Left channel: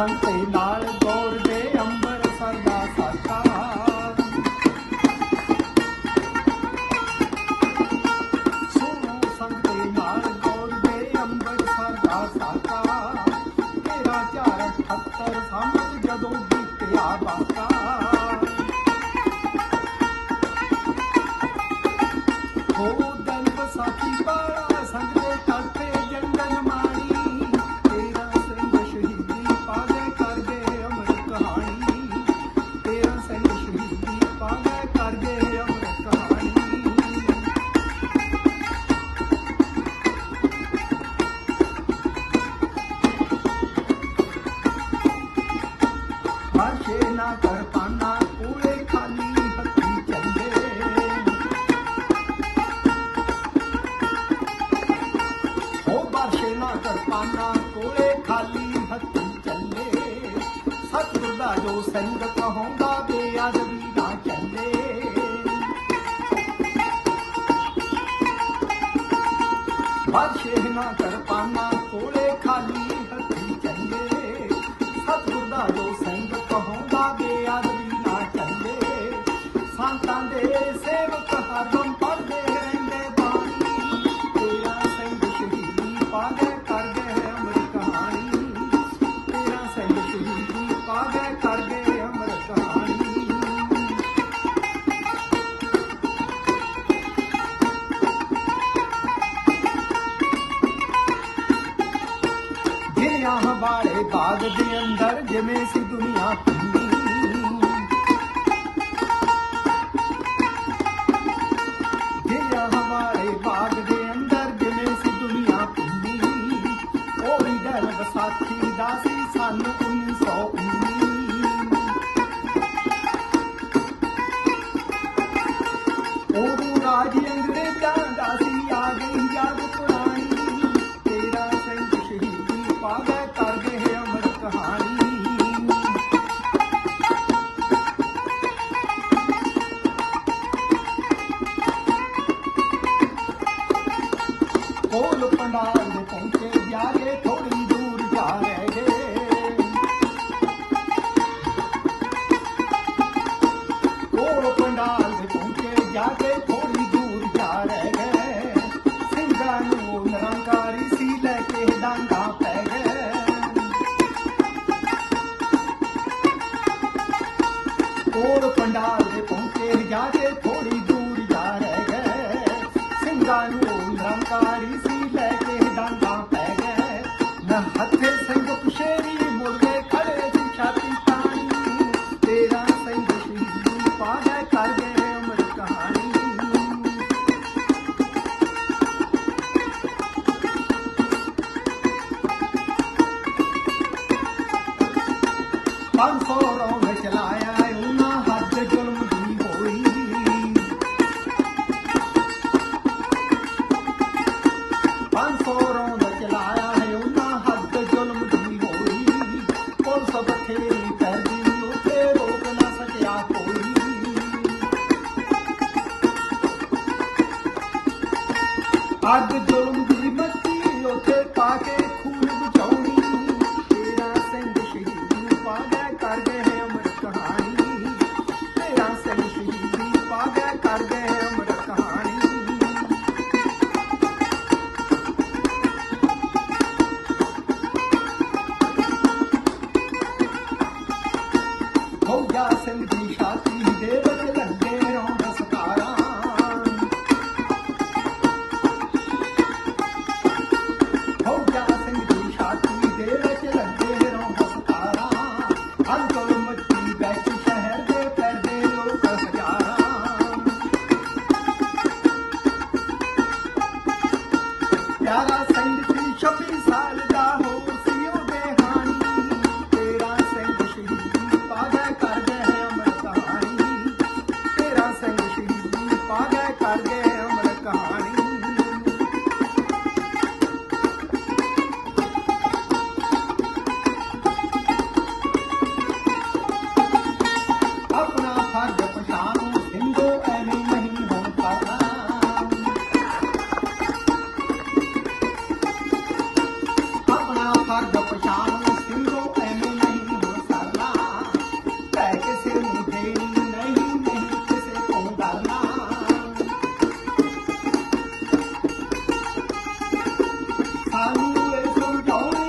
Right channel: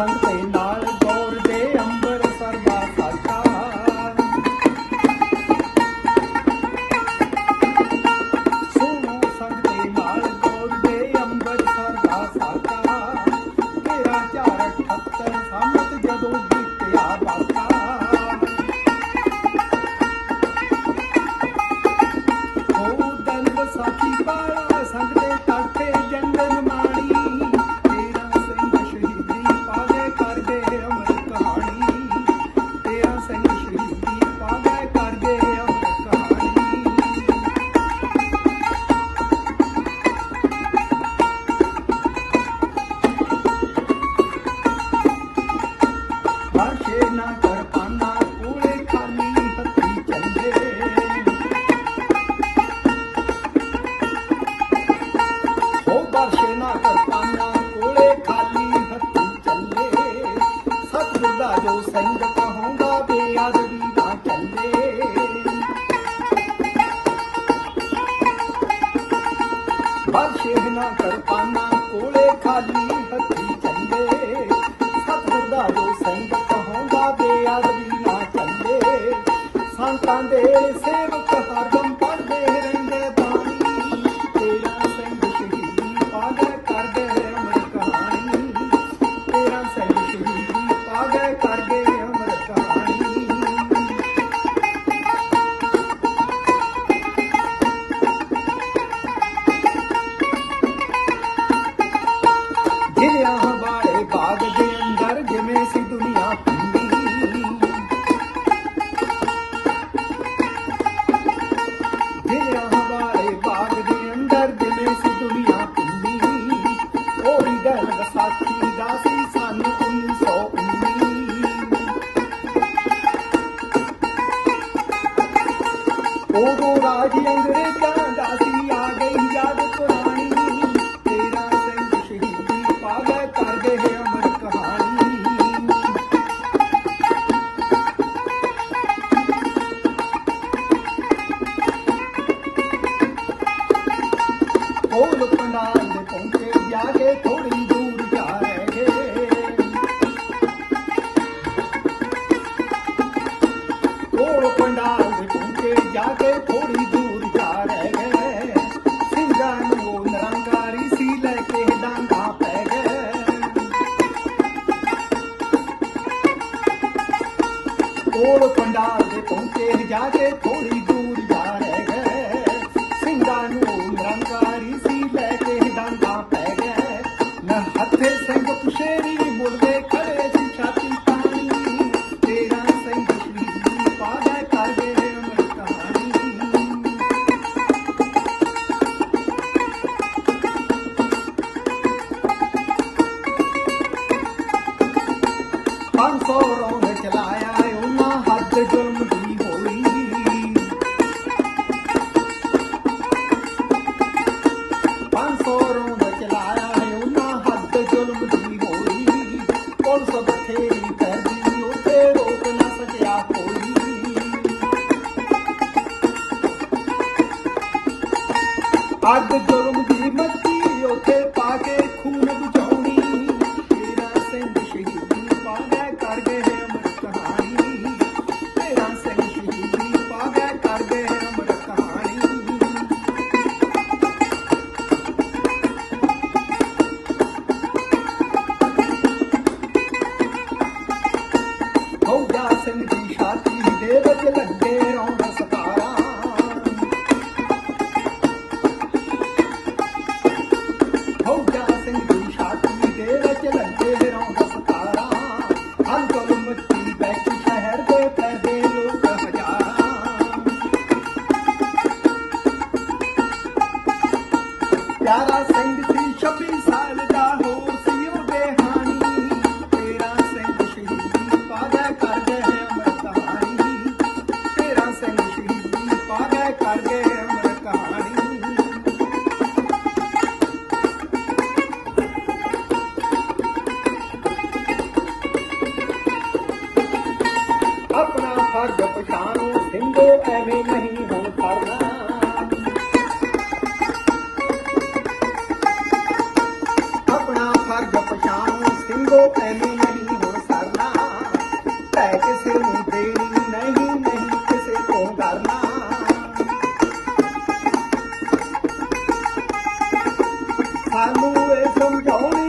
संते नाल गौर दे अंबर सरगा साका सोनो संते नाल गौर दे अंबर सरगा साका तेरा चार खत्तर समत जदों बीतिया बाका ਦਾ ਜੋ ਸੰਗ ਕਹੋਂਗਾ ਬੇਅਦਬੀ ਨਾ ਚੱਲੇ। ਬਾਦਸ਼ਾਹ ਨਾ ਕਰਪਾਨਾ ਕੋਲੇ ਖਾਲੀ ਹੱਥੀ ਚੱਲੇ। ਸਤਿਗੁਰ ਦਾ ਜੋ ਸੰਗ ਕਹੋਂਗਾ ਬੇਅਦਬੀ ਨਾ ਚੱਲੇ। ਸੰਤਾਂ ਦੇ ਸੇਵਕ ਹਰਦਮ ਪਿਆ ਹਵਾਲੇ ਬਾਗ ਦੇ ਅੰਦਰ ਜਿਵੇਂ ਸੀ ਦੁਨੀਆ ਖੁੱਲੀ ਜਿਵੇਂ ਹਵਾਲੇ ਬਾਗ ਦੇ ਅੰਦਰ ਜਿਵੇਂ ਸੀ ਦੁਨੀਆ ਖੁੱਲੀ ਉਹਦੀ ਗੱਲ ਸਾਥੀ ਦਾ ਸੀ ਸਨ 1919 ਉਹ ਰਾਜਿਆਂ ਅੱਗ ਜ਼ੁਲਮ ਦੀ ਮੱਤੀ ਉੱਤੇ ਪਾ ਕੇ ਖੂਨ ਬਚਾਉਣੀ ਤੇਰਾ ਸਿੰਘ ਸ਼ਹੀਦੀ ਪਾ ਗਏ ਕਰ ਗਏ ਹੈ ਅਮਰ ਕਹਾਣੀ। ਤੇਰਾ ਸਿੰਘ ਸ਼ਹੀਦੀ ਪਾ ਗਏ ਕਰ ਗਏ ਹੈ ਅਮਰ ਕਹਾਣੀ। ਹੋਗਾ ਸਿੰਘ ਦੀ ਸ਼ਹਾਦਤ 有。